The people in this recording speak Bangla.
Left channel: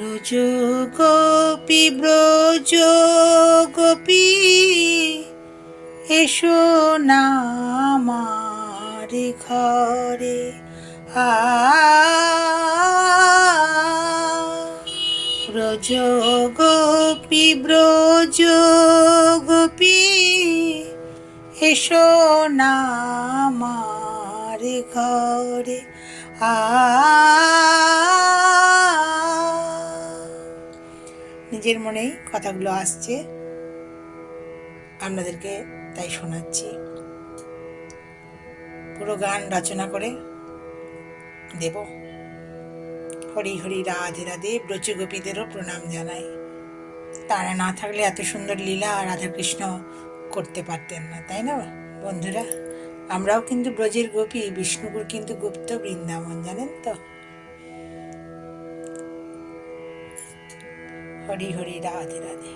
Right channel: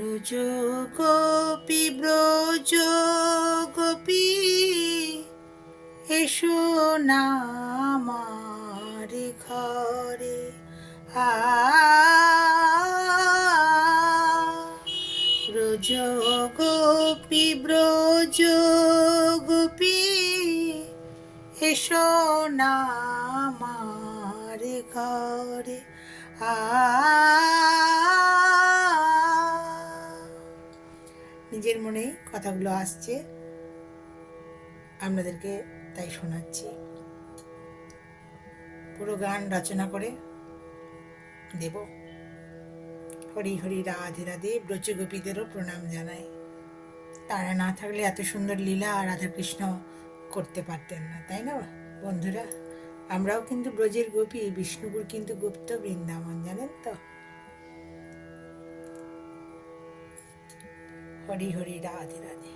ব্রজ গোপী ব্রজ গোপী এসো না আমার ঘরে ব্রজ গোপী ব্রজ গোপী এসো না আমার ঘরে নিজের মনেই কথাগুলো আসছে, আপনাদেরকে তাই শোনাচ্ছি। পুরো গান রচনা করে দেব। হরি হরি রাধে রাধে। ব্রজ গোপীদেরও প্রণাম জানাই। তারা না থাকলে এত সুন্দর লীলা রাধাকৃষ্ণ করতে পারতেন না, তাই না বন্ধুরা? আমরাও কিন্তু ব্রজের গোপী, বিষ্ণুপুর কিন্তু গুপ্ত বৃন্দাবন, জানেন তো। হরি হরি রাধে রাধে।